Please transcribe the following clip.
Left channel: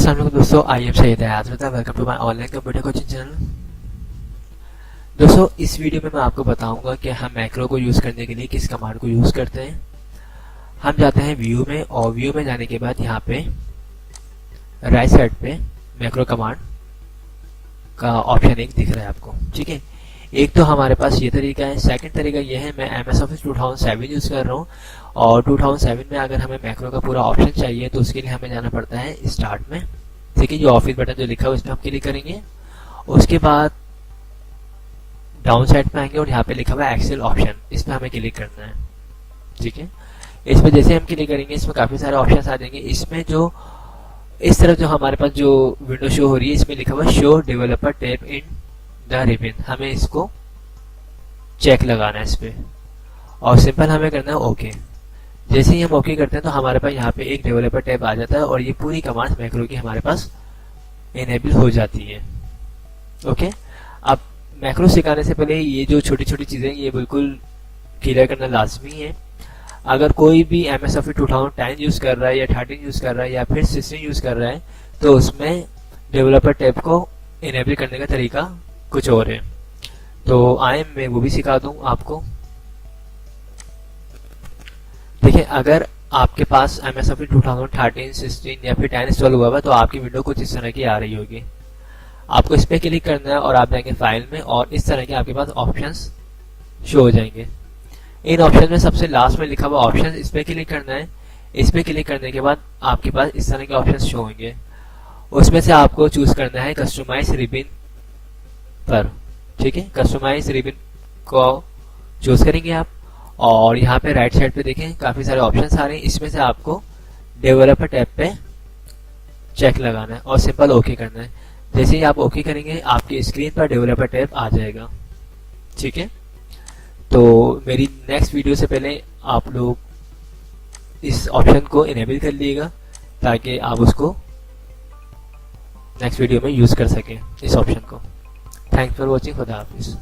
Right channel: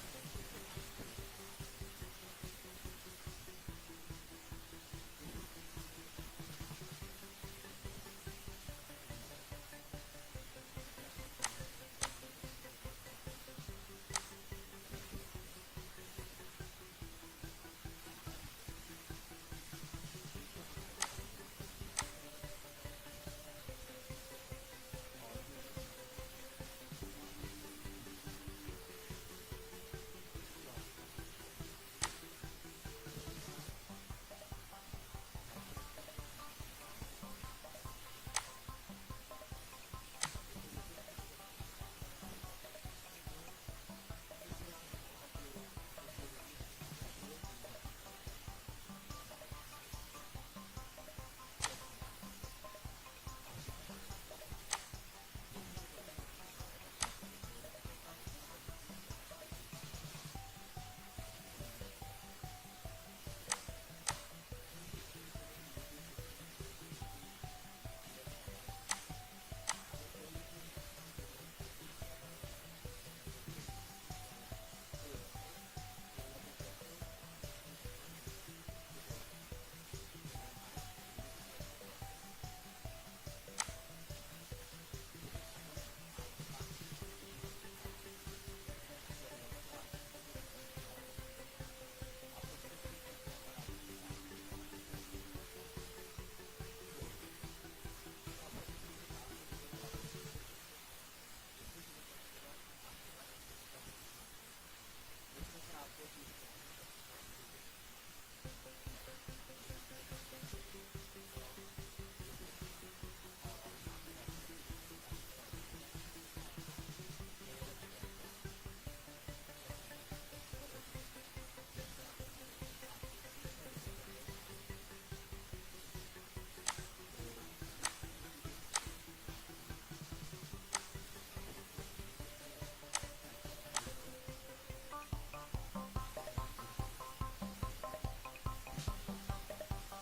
अस्सलाम वालेकुम दोस्तों, I am Syed Azmat, welcome to my online computer coaching channel. दोस्तों, इस वीडियो में मैं आपको बताऊंगा कि हम मैक्रो को यूज़ करने के लिए किस कमांड को यूज़ करते हैं। हम जाते हैं व्यू में, और व्यू में जाने के बाद यहाँ पे राइट साइड पे मैक्रो कमांड का ऑप्शन एक दिख रहा है आपको। ठीक है, एक तो हमारे पास ये तरीका है। सेकंड तरीका ये है, मैं MS Office 2007 यूज़ कर रहा हूँ, और 2007 में अगर हमें मैक्रो का पूरा ऑप्शन चाहिए तो उसके लिए हमें जाना पड़ता है स्टार्ट में। ठीक है, जो ऑफिस बटन जो लिखा हुआ है इस पर हम क्लिक करेंगे। उसके बाद डाउन साइड पे आएंगे और यहाँ पे लिखा हुआ है एक्सेल ऑप्शन, इस पर हमें क्लिक करना है। ठीक है, इस पर जैसे हम क्लिक करेंगे इसमें काफ़ी सारे ऑप्शन आ जाएंगे। इसमें जो इस तरफ जो हमारे पास जो विंडो शो हो रही है इसमें लिखा हुआ है show developer tab in the ribbon, हमें इसको चेक लगाना है इस पर, और सिंपल हमें करना है ओके। जैसे ही हम ओके करते हैं तो हमारे पास यहाँ पे एक डेवलपर टैब आ जाता है और ये पूरी कमांड मैक्रो की हमारे पास इनेबल हो जाती है। ओके, अब मैक्रो सिखाने से पहले ये जो छोटी छोटी चीज़ें ये बिल्कुल क्लियर करना लाजमी है। अगर कोई भी MS Office 2010 यूज़ कर रहा है या 13 यूज़ कर रहा है या फिर 16 यूज़ कर रहा है तो उसमें डेवलपर टैब को इनेबल करने का तरीका कुछ और है। तो आए मैं वो भी सिखा दूँ आपको। देखिए, अगर आपके पास MS Office 2013, 16 या फिर 10 इंस्टॉल हुआ हुआ तो आपकी विंडो कुछ इस तरह की आ रही होगी। आपको इस पर क्लिक करना है और आप जाएंगे फाइल में, और इस तरह के आपके पास ऑप्शंस शो हो जाएंगे। इन ऑप्शन में सबसे लास्ट में लिखा हुआ ऑप्शन, इस पर क्लिक करना है। इस पर क्लिक करने के बाद आपके पास इस तरह के ऑप्शन शो होंगे। उसमें से आपको चूज करना है कस्टमाइज रिबन पर। ठीक है, कस्टमाइज रिबन को चूज करेंगे आप, और यहाँ पे राइट साइड पे देखें काफ़ी सारे ऑप्शंस आ रहे हैं। इसमें से आपको डेवलपर टैब पे चेक लगाना है और सिंपल ओके करना है। जैसे ही आप ओके करेंगे आपकी स्क्रीन पर डेवलपर टैब आ जाएगा। ठीक है, तो मेरी नेक्स्ट वीडियो से पहले आप लोग इस ऑप्शन को इनेबल कर लीजिएगा ताकि आप उसको नेक्स्ट वीडियो में यूज़ कर सकें इस ऑप्शन को। थैंक्स फॉर वॉचिंग, खुदा हाफिज़।